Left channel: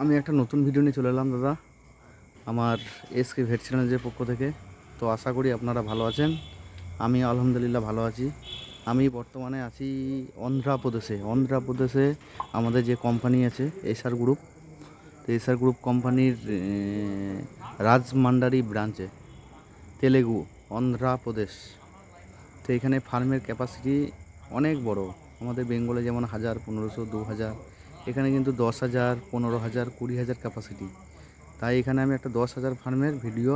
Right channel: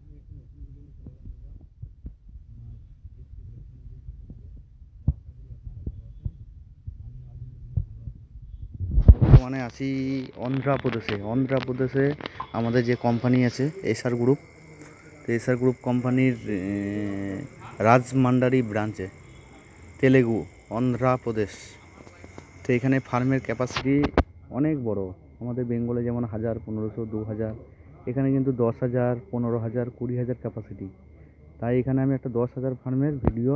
আমি একটা নতুন ভিডিও নিয়ে চলে এলাম দাদা, আমার এসকে ভেট চ্যানেলের পক্ষ থেকে। তো আশা করি আপনারা ভালো আছেন। আমি আলহামদুলিল্লাহ ভালো আছি। আমি বর্তমানে আছি অন্ধ্রপ্রদেশে আমাদের যে কোম্পানি আছে এসআর গ্রুপ। তো এসআর গ্রুপ কোম্পানির রাজমান্ডারি ব্রাঞ্চে, তেলেগু, অন্ধ্রপ্রদেশ। তো এখানে ফার্মের ক্যাপাসিটি অনেক বড়। আমাদের বেঙ্গলে যেমন 1000, 1500, 2000, এখানে কিন্তু 10,000, 15,000, 20,000 ক্যাপাসিটি। তাই এখানে আমি একটা 10,000 ফার্মের ভিডিও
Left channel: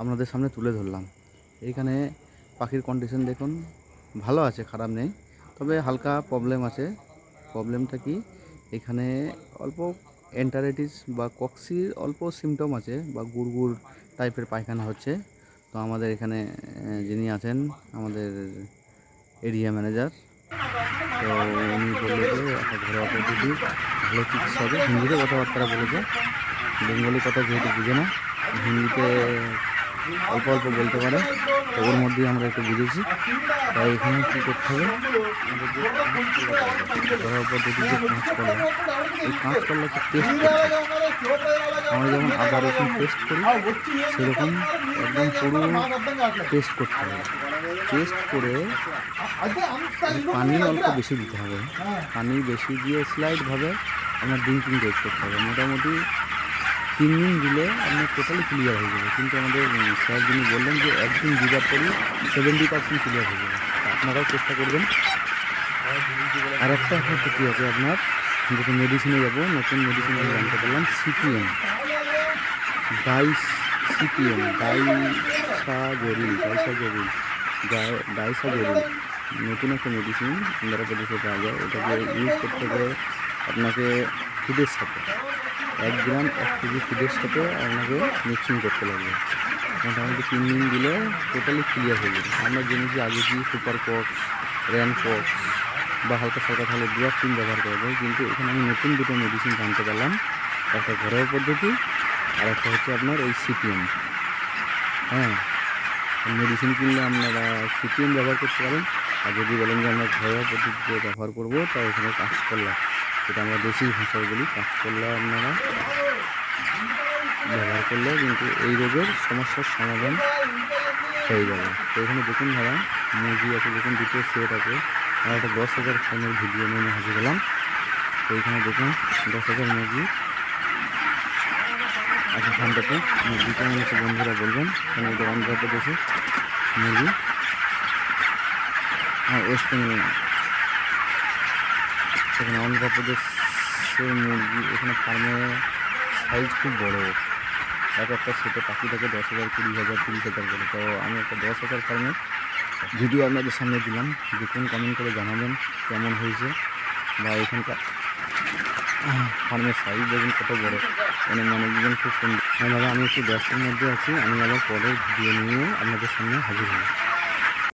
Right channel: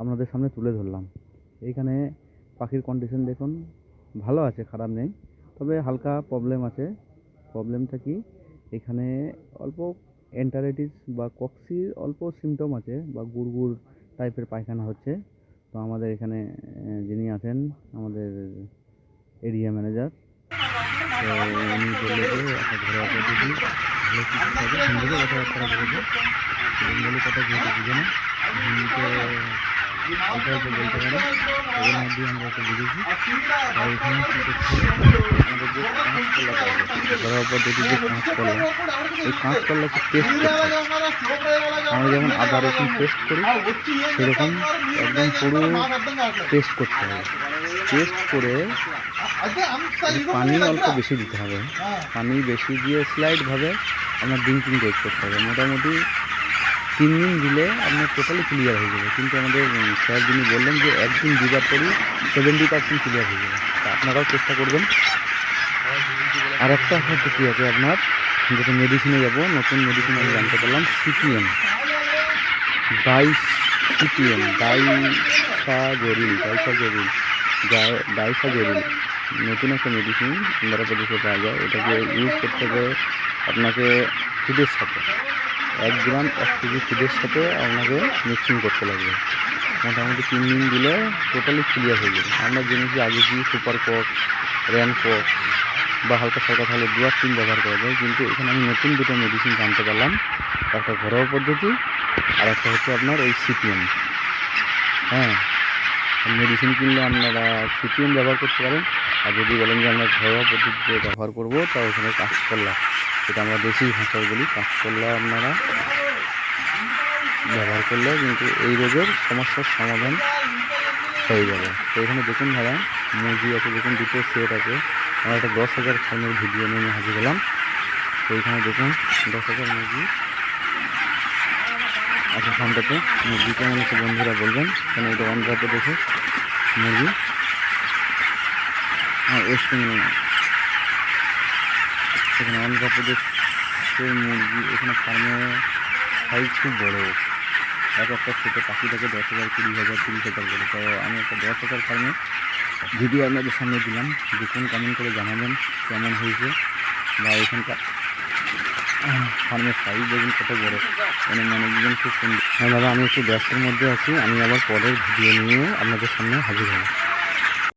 আপনাদের সামনে তুলে ধরলাম। এইখানে পাখির কন্ডিশন দেখুন, ভালো আছে, খারাপ নেই, তবে হালকা প্রবলেম আছে। প্রবলেমটা কি, এখানে অল্প এন্টারাইটিস বা কক্সির অল্প সিমটম আছে, বা গুড়গুড় টাইপের পায়খানা হচ্ছে। তো আমাদের এখানে যিনি আছেন আমাদের এরিয়া ম্যানেজার, তো উনি বললো যে একটা ঘরোয়া পদ্ধতি ভালো চিকিৎসা হবে। হিন্দিতে কথাবার্তা বলেছে, বেঙ্গলি কথা যেহেতু বুঝে না, হিন্দিতে অল্প অল্প বলতে পারে, তো ওর মধ্যেই আমরা একটু বুঝেছি। তাই এখানে কী করতে হবে, আমাদের যে কাঁচকলা পাওয়া যায় ঘরোয়া পদ্ধতি, যে কাঁচকলা, এই কাঁচকলাকে পেস্ট করতে হবে। আমরা যেমন আদা রসুন পেস্ট করি, সেরকম একদম পুরো পেস্ট করতে হবে। পেস্ট করে পানি অল্প বেশি দিতে হবে। পানি বেশি দিয়ে স্লাইডভাবে আপনার ড্রিঙ্কিং ডোজ করতে হবে। মোটামুটি 3 দিন দিলে আপনার টোটালি ক্লিয়ার হয়ে যাবে। কিন্তু আমাদের স্যার যিনি বললেন যে একদিন দিবার পরই 70% ক্লিয়ার হয়ে যাবে। তা আপনারাও চেষ্টা করবেন। আর একটা পদ্ধতি আছে আপনার, যেটা মেডিসিনে যাব, নতুন মেডিসিন আমি জানতে পারলাম, সিপিএম, ডাইসাজোরিল, নতুন একটা মেডিসিন অন্ধ্রপ্রদেশে পাওয়া যায়। এটাকে ইউজ করতে হবে আপনাকে ফিডের সাথে, 1 গ্রাম 1 কেজি ফিডের সাথে আপনাকে মিক্সিং করতে লাগবে। মোটামুটি 3 দিন দিলে টোটালি ক্লিয়ার হয়ে যাবে। আমরা জেনেছি আগে কি সুপার কক্স, র্যান কক্স বা হালকা সালকা তাহলে 2-3 ব্যবহার করা যায়, কিন্তু এখানে আমি নতুন দুটো মেডিসিন জানতে পারলাম। একটা ঘরোয়া পদ্ধতি, আর একটা হচ্ছে আপনার এই সিপিএম। হ্যাঁ, মেডিসিন কিনলে আপনারা সিপিএম ব্যবহার করতে পারেন। আর যদি বলেন যে আমরা ঘরোয়া পদ্ধতিতে ব্যবহার করবো, তা ওখানে কাঁচকলা, যেটা আমরা দেশি ভাষায় বলি, কাঁচকলা আপনারা ব্যবহার করলে কিন্তু এই রোগের সমস্যার সমাধান হয়ে যাবে। তো এখানে দেখুন দাদা, মুরগি আছে, দেখুন দুটো সেট আছে। আমরা একটা 10,000 ফার্মের ভিডিও নিয়ে হাজির হলাম। তো এইখানে দেখুন 10,000 মুরগি আছে ফার্মটাতে। মুরগি কেমন আছে বন্ধুরা বলবেন, কারণ এটা অন্ধ্রপ্রদেশের মুরগি, ওয়েস্ট বেঙ্গল, এখানে অন্ধ্রপ্রদেশের মুরগি। এখানে ফার্মের সাইজ খুব বড়, একটা সেটে পাখি থাকে 10,000, 20,000, 30,000 করে। তো আমি একটা 10,000 ফার্মের ভিডিও আপনাদের সামনে দিলাম। দেখুন, কমেন্ট করে জানাবেন কেমন হয়েছে, বা এখানকার ফার্মের সাইজ দেখুন কত বড়, মানে ম্যানেজমেন্ট খুব সুন্দর। হ্যাঁ দাদা, আমি একটু ব্যস্তের মধ্যে আছি, আমি আবার পরের ভিডিও নিয়ে আপনাদের সামনে হাজির হব।